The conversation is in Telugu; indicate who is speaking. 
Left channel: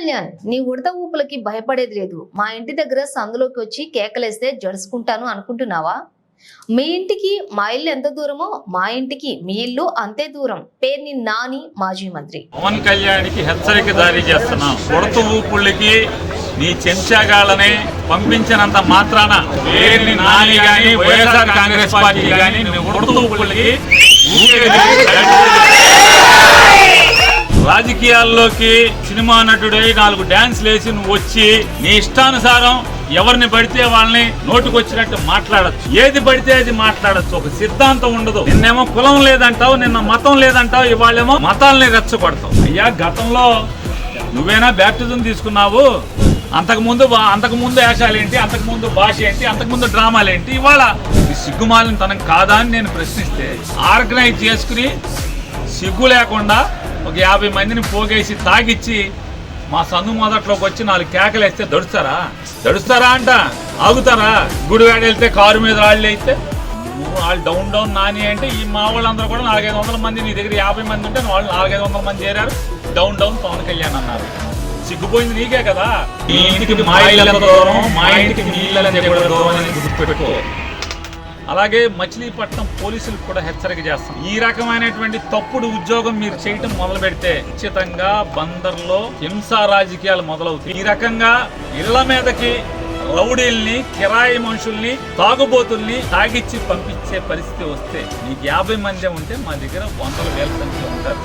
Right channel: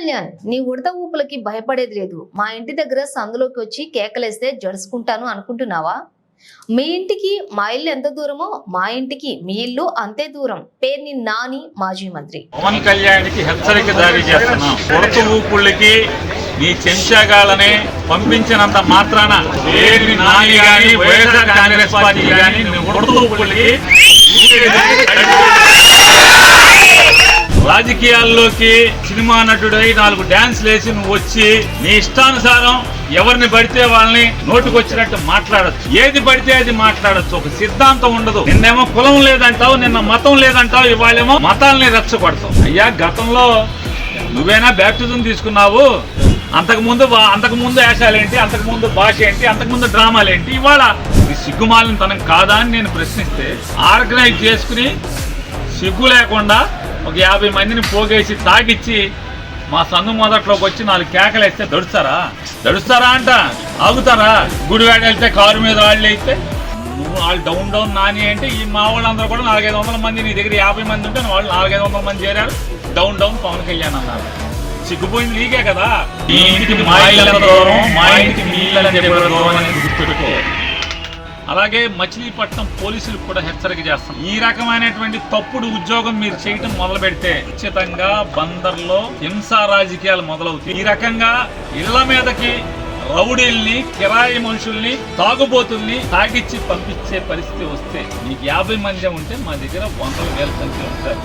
Speaker 1: కళ్యాణ్ నీ ఉడత ఊపులకి భయపడేది లేదు. మా ఇంటి దగ్గర సందులోకి వచ్చి కేకలేస్తే జడుసుకుంటాను అనుకుంటున్నావా? మీ ఇంటికి మా ఇల్లు ఎంత దూరమో మా ఇంటికి మీ ఇల్లు అంతే దూరం. పేరుని నాని మాజీ మంత్రి.
Speaker 2: పవన్ కళ్యాణ్కి హెచ్చరిక జారీ చేస్తున్నాం. ఉడత ఊపుళ్ళకి నీ చెంచాగాళ్ళని పంపించినంత మాత్రాన పేరుని నాని కానీ వైఎస్ఆర్ కాంగ్రెస్ పార్టీ కానీ ఉడత కొరత ఊపుళ్ళకి రాజకీయాల్లోకి సినిమా నటుడై నాలుగు డాన్స్ లేచి నువ్వు వచ్చి నీ ఇష్టానుసారం ఎవరిని పడితే వాళ్ళని నోటుకొచ్చినట్టు మాట్లాడచ్చు. ఏది పడితే అది మాట్లాడచ్చు. ఒక సిద్ధాంతం ఉండదు. నిన్నేమో కులం లేదంటావు నిన్న మతం లేదంటావు ఇవాళేమో మతాలని రెచ్చగొడతావు. అయ్యా గతంలో నువ్వేనా బ్యాప్టిజం తీసుకున్నావు? అంతకు ముందు అంతకు ముందు వేషాలేంటి అంతకు ముందు భాష ఏంటి అంతకు ముందు డ్రామాలు ఏంటి ఇవాళ ఈ సిగ్గుమాలిన తనకు కాదా అని నేను ప్రశ్నిస్తే ఆర్గనైజ్ చేసుకుని సిగ్గు లేకుండా ఒక యాభై మందిని పోగేసి తాగిచ్చి మా సందు మొదట్లోకి వచ్చి నాలుగు కేకలు వేస్తే దడుస్తారా? దడుస్తారా అంట. ఆగుతారా? గుడివాడ వెళ్తే కారు మీద వాళ్ళు అయితే నువ్వు వాళ్ళు డౌన్ డౌన్ నాని అంటే ఈ మా వాళ్ళందరూ కూడా నాలుగైదు వందల మంది నీ దగ్గర యాభై మంది ఉంటే వాళ్ళు నాలుగైదు వందల మంది చేరారు. డౌన్ డౌన్ పవన్ కళ్యాణ్ అన్నారు. సిగ్గుపోయింది నీకే కదా? ఈ ఇంటికి మా ఇళ్ళ దూరం మా ఇంటికి నీ ఇళ్ళ చెప్పడం దూరం అని గుర్తుపెట్టుకో. అలాగే మచిలీపట్నం పోలీసులు కూడా హెచ్చరిక చేస్తాం ఈ రకమైనటువంటి తప్పుడు ఉద్యోగం మీరు చేయటం మొదలు పెడితే ఖచ్చితంగా బందర్లో హింసా రాజకీయాలు మొదలవుతాయి. ఈ రకంగా ఇళ్ళ మీదకి రౌడీల్ని కిరాయి మనుషుల్ని తాగుబోతుల్ని తాగిచ్చి పంపించే పరిస్థితి వస్తే మీకు యాభై మంది ఉంటే మా దగ్గర వందల వేల సంఖ్యలో ఉంటారు.